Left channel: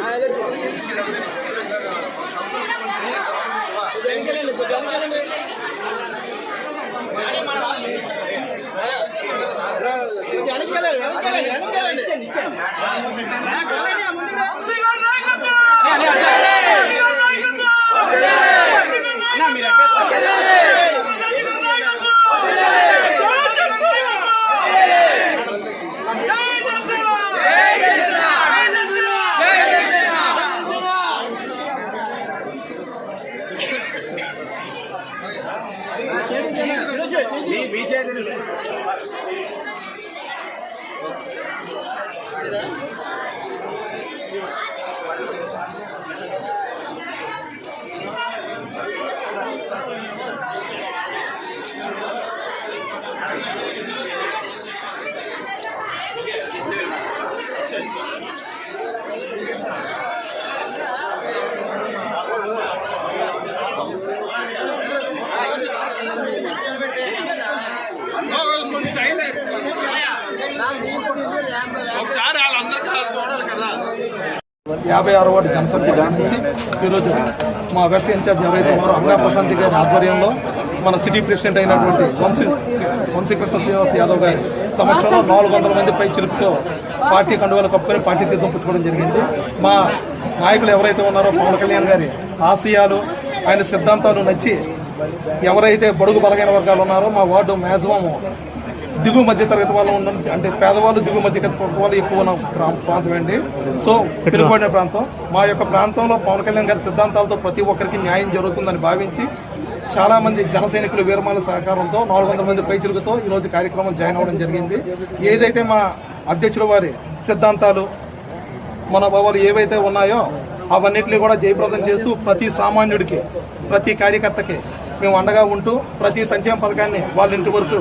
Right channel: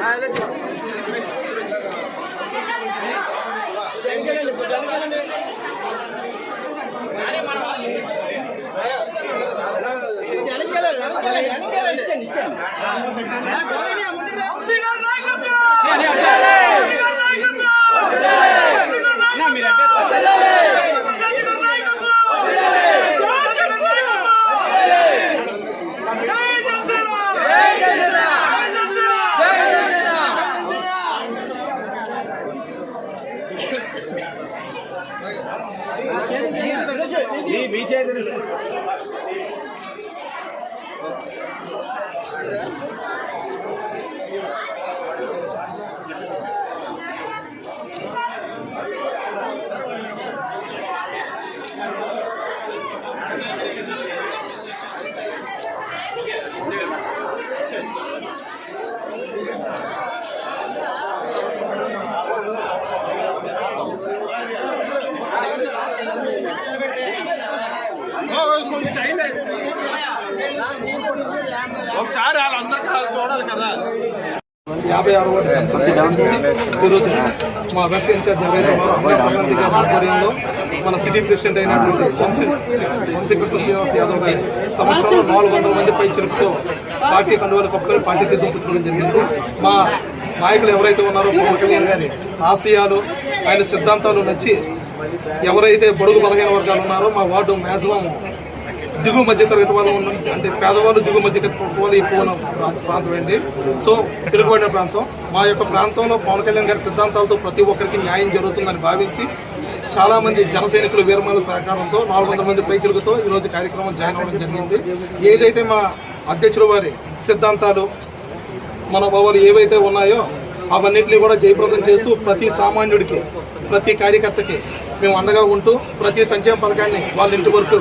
వెనక్కి వెళ్ళండి వెనక్కి వెళ్ళండి వెనక్కి వెళ్ళండి ఒకసారి యాభై ఆరు వార్డు జనసమితి నుంచి ఈరోజు మా వెస్ట్ ఇన్ఛార్జ్ ఎవరైతే ఉన్నారో అంగా ప్రశాంతి గారి ఆధ్వర్యంలో మన సిటీ ప్రెసిడెంట్ అయినటువంటి వంశీ వంశీకృష్ణ శ్రీనివాస్ యాదవ్ గారి సంవత్సరంలో నాలుగు వందల మంది పై చిలుపుతో పార్టీ కండువాలు కప్పుకొని పార్టీ తీర్థం పుచ్చుకోవడం జరిగింది. మా నాయకులు ఎవరైతే ఉన్నారో పవన్ కళ్యాణ్ గారి ఆశయాలు ఆయన సిద్ధాంతాలు నచ్చి ఎవరైతే బడుగు బలహీన వర్గాలు ఉన్నారో మా వార్డు మ్యాక్సిమం దిగువ మధ్య తరగతి వాళ్ళు ఉన్న అంటే పేదవాళ్ళు దిగువ మధ్య తరగతి వాళ్ళు ఎక్కువ ఉన్న ప్రా- ప్రాంతం అండి సో పిలుగుబడిన ప్రాంతం. మా యొక్క ప్రాంతంలో పవన్ కళ్యాణ్ గారి సిద్ధాంతాలతో ప్రతి ఒక్కరికి న్యాయం జరుగుతుందని భావించి చాలా మంది జన సైనికులు వీరమాల సహకారంతో నాలుగు వందల మంది పైచులతో ఈ రోజు కార్యక్రమం జాయిన్ అవ్వడం జరిగింది. ఏదైతే మా అధ్యక్షుల వారి సిద్ధాంతాలు మన భావాలు ఏవైతే ఉన్నాయో అవన్నింటినీ కూడా జయప్రదం చేస్తూ ప్రతి సామాన్యుడికి ప్రతి కార్యకర్తకి మేము అండగా ఉంటూ ప్రతి సంక్షేమ పథకాన్ని వాళ్ళ ఇంటి వరకు